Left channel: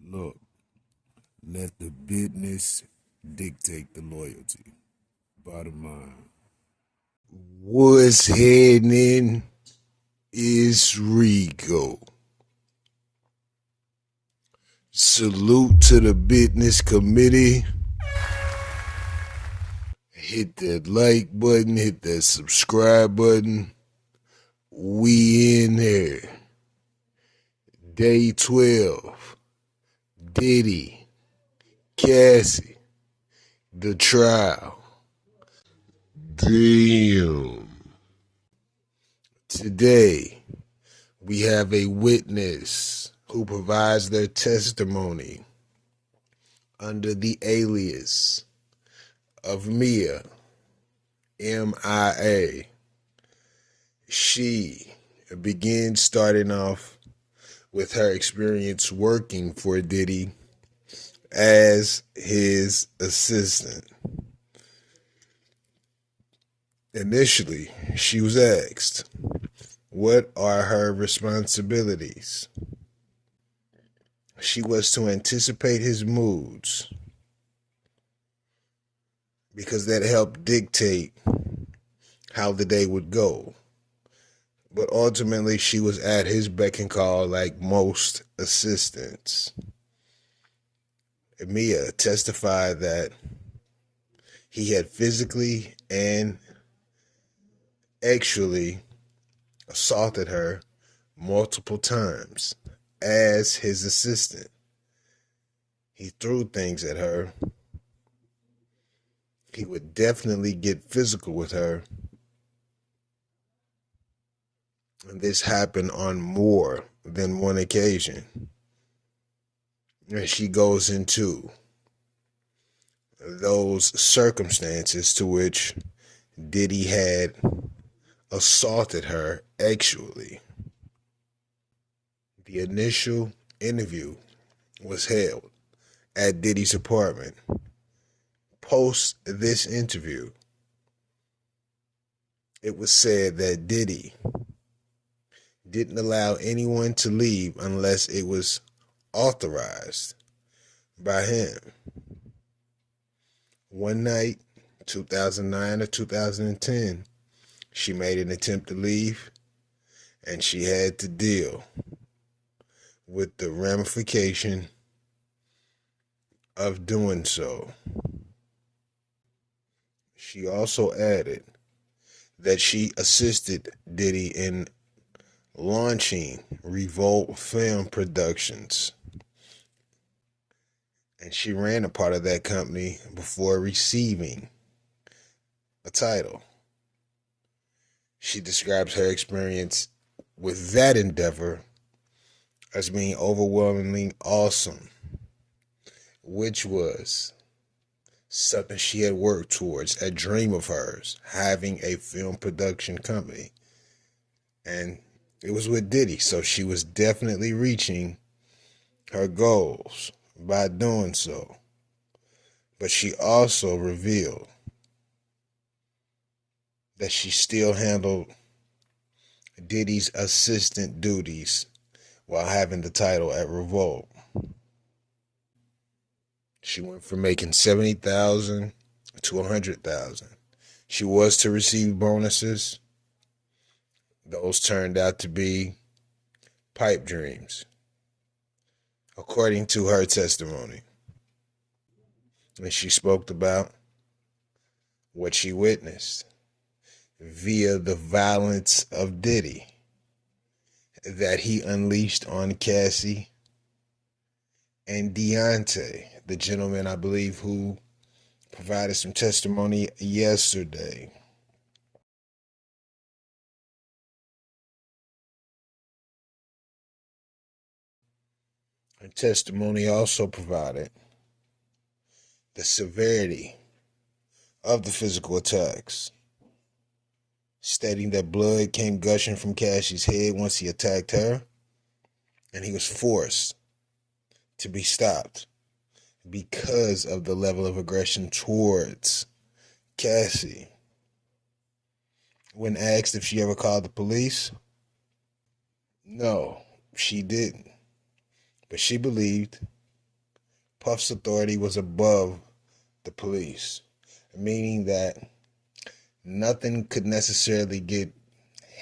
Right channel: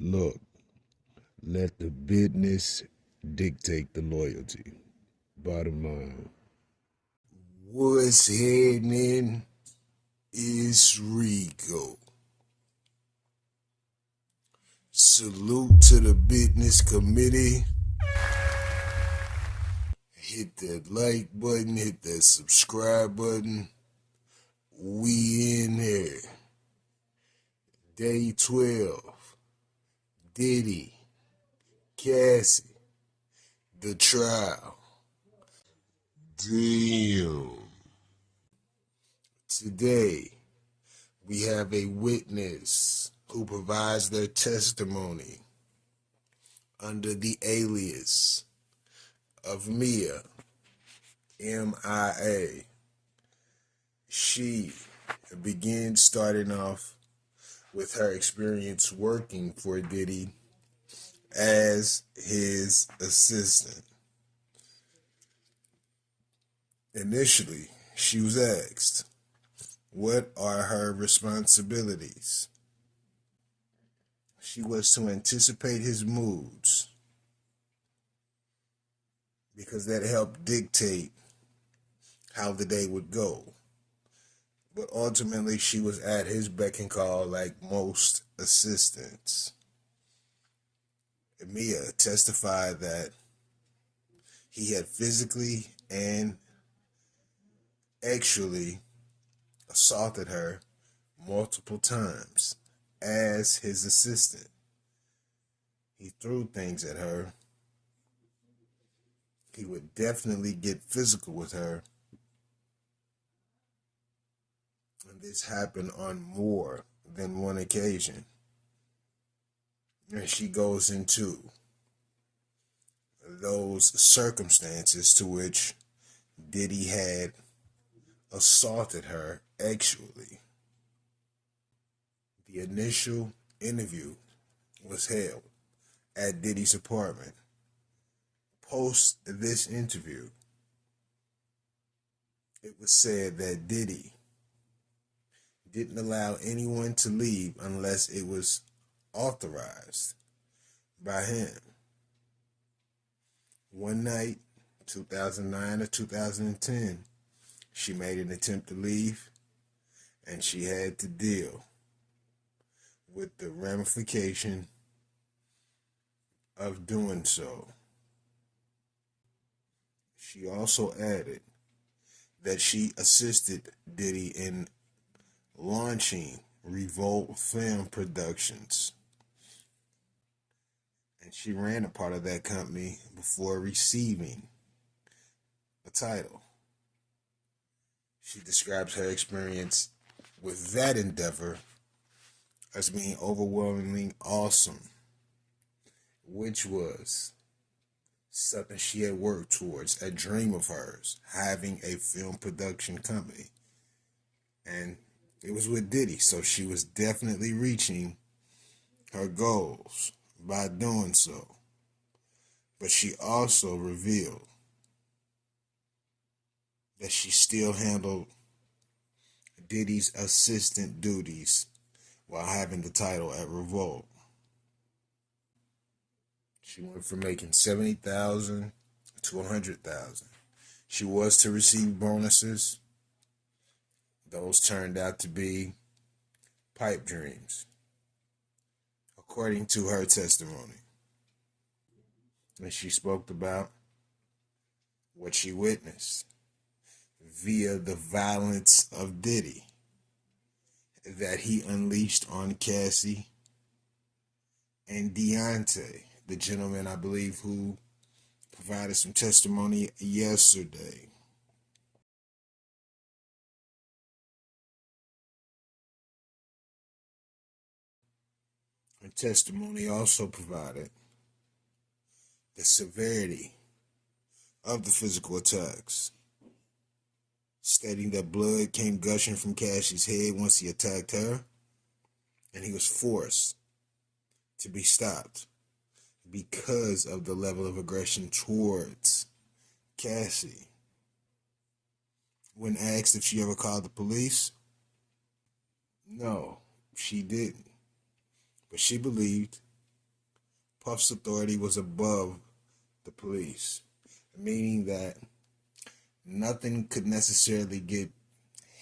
Look, let the business dictate the loyalty. Bottom line. What's happening is Rico. Salute to the business committee. Hit that like button, hit that subscribe button. We in here. Day 12. Diddy. Cassie. The trial. Damn. Today, we have a witness who provides their testimony under the alias of Mia, MIA. She begins starting off with her experience working for Diddy as his assistant. Initially, she was asked, what are her responsibilities? She was to anticipate his moods because that helped dictate how the day would go. But ultimately, she was at his beck and call like most assistants. Mia testified that he had physically and actually assaulted her multiple times as his assistant. He threw things at her. He would definitely get physical with her. And this happened on more than one occasion. And she goes into those circumstances to which Diddy had assaulted her actually. The initial interview was held at Diddy's apartment. Post this interview, it was said that Diddy didn't allow anyone to leave unless it was authorized by him. One night, 2009 or 2010, she made an attempt to leave, and she had to deal with the ramification of doing so. She also added that she assisted Diddy in launching Revolt Film Productions, and she ran a part of that company before receiving a title. She describes her experience with that endeavor as being overwhelmingly awesome, which was something she had worked towards, a dream of hers, having a film production company. And it was with Diddy, so she was definitely reaching her goals by doing so. But she also revealed that she still handled Diddy's assistant duties while having the title at Revolt. She went from making $70,000 to $100,000. She was to receive bonuses. Those turned out to be pipe dreams, according to her testimony. And she spoke about what she witnessed via the violence of Diddy that he unleashed on Cassie and Deontay, the gentleman, I believe, who provided some testimony yesterday. Her testimony also provided the severity of the physical attacks, stating that blood came gushing from Cassie's head once he attacked her, and he was forced to be stopped because of the level of aggression towards Cassie. When asked if she ever called the police, no, she didn't. But she believed Puff's authority was above the police, meaning that nothing could necessarily get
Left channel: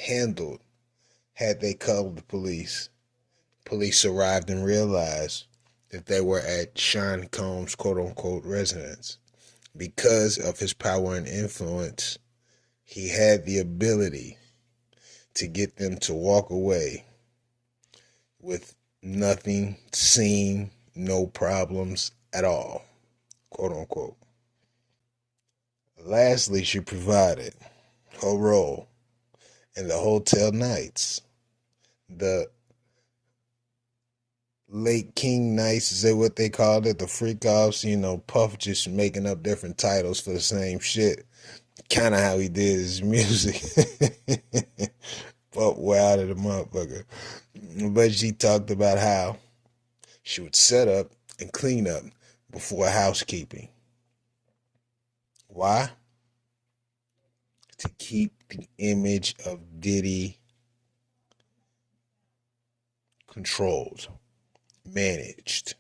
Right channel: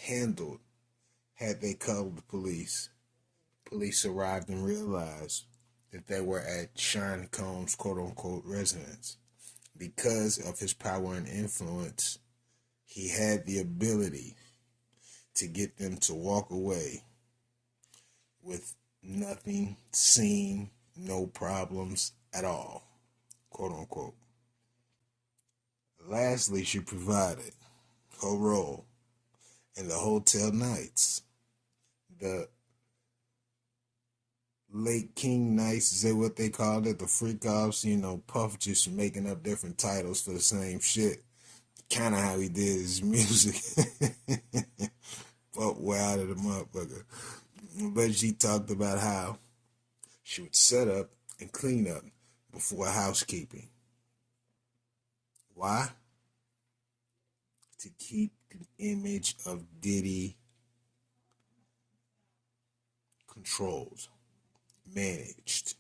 handled had they called the police. Police arrived and realized that they were at Sean Combs' quote-unquote residence. Because of his power and influence, he had the ability to get them to walk away with nothing seen, no problems at all, quote-unquote. Lastly, she provided her role in the hotel nights, the late king nights, is that what they called it? The freak offs, Puff just making up different titles for the same shit. Kind of how he did his music. Puff wild at the motherfucker. But she talked about how she would set up and clean up before housekeeping. Why? To keep the image of Diddy controlled, managed,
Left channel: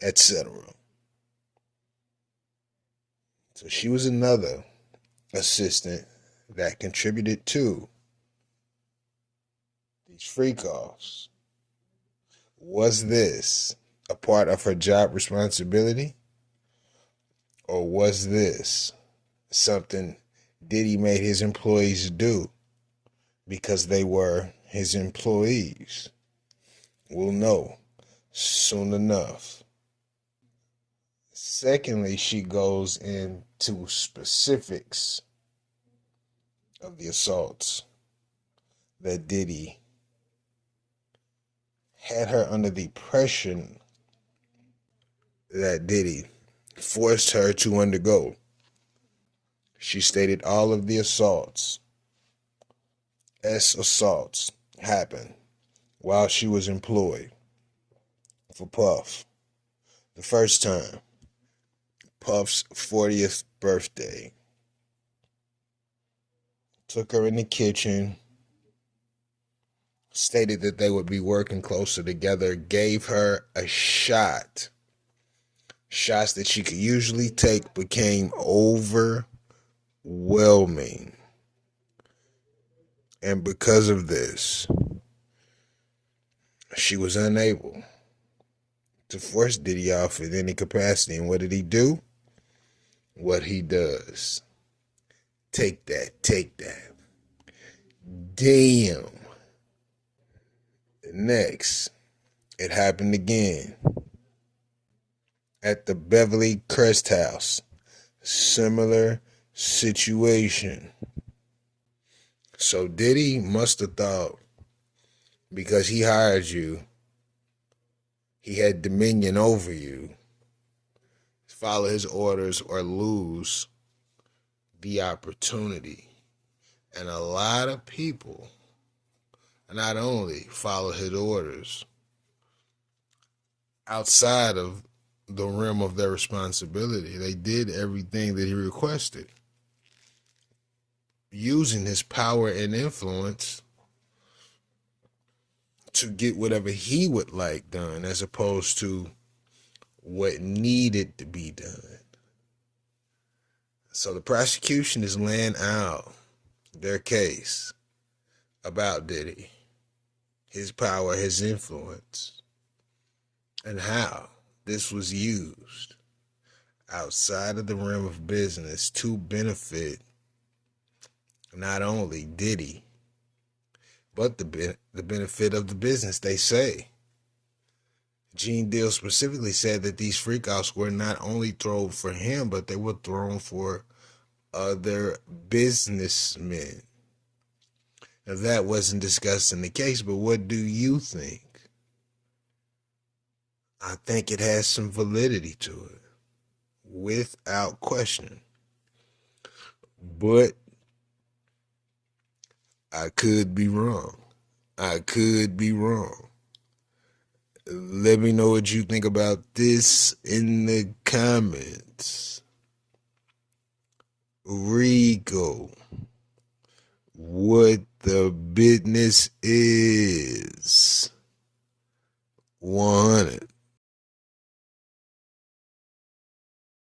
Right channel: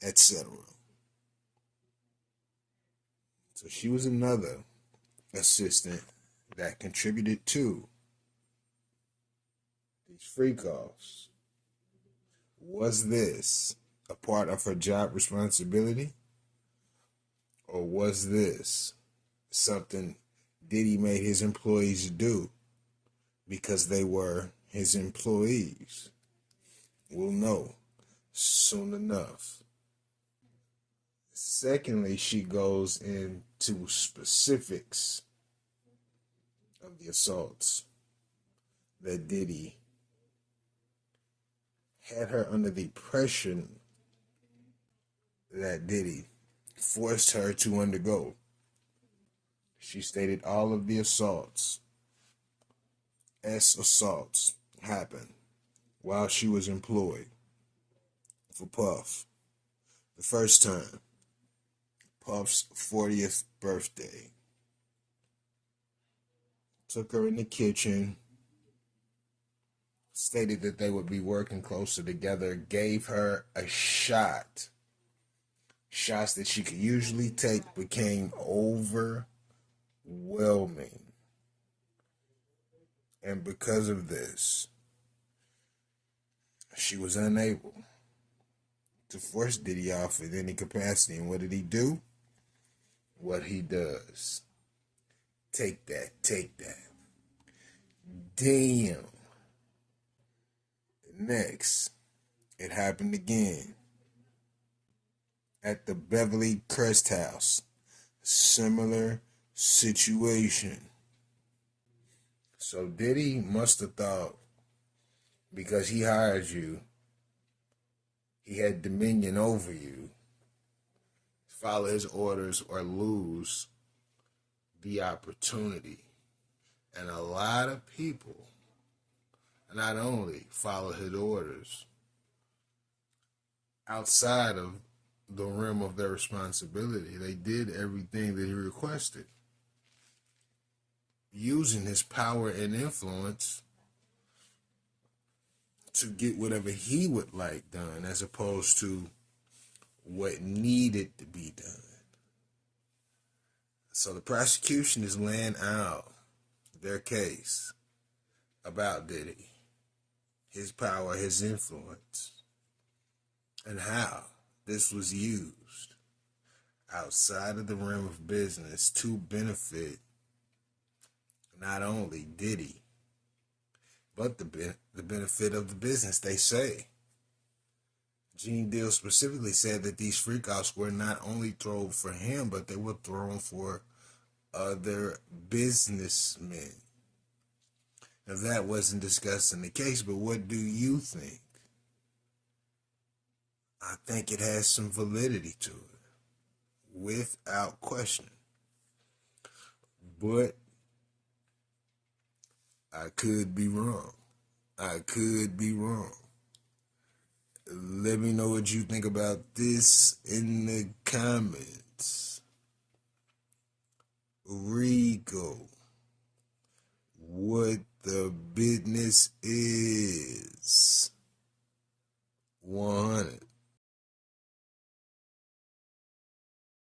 etc. So she was another assistant that contributed to these freak-offs. Was this a part of her job responsibility? Or was this something Diddy made his employees do because they were his employees? We'll know soon enough. Secondly, she goes into specifics of the assaults that Diddy had her under the pressure that Diddy forced her to undergo. She stated all of the assaults happened while she was employed for Puff. The first time, Puff's 40th birthday. Took her in the kitchen, stated that they would be working closer together, gave her a shot. Shots that she could usually take became overwhelming. And because of this, she was unable to force Diddy off in any capacity. And what did he do? What he does. Take that. Damn. Next, it happened again at the Beverly Crest House. Similar situation. So Diddy must have thought, because he hired you, he had dominion over you. Follow his orders or lose the opportunity. And a lot of people not only follow his orders outside of the realm of their responsibility, they did everything that he requested, using his power and influence to get whatever he would like done, as opposed to what needed to be done. So the prosecution is laying out their case about Diddy, his power, his influence, and how this was used outside of the realm of business to benefit not only Diddy, but the benefit of the business. They say Gene Deal specifically said that these freak-offs were not only thrown for him, but they were thrown for other businessmen. Now, that wasn't discussed in the case, but what do you think? I think it has some validity to it, without question. But I could be wrong. Let me know what you think about this in the comments. Rico, what the business is. 100.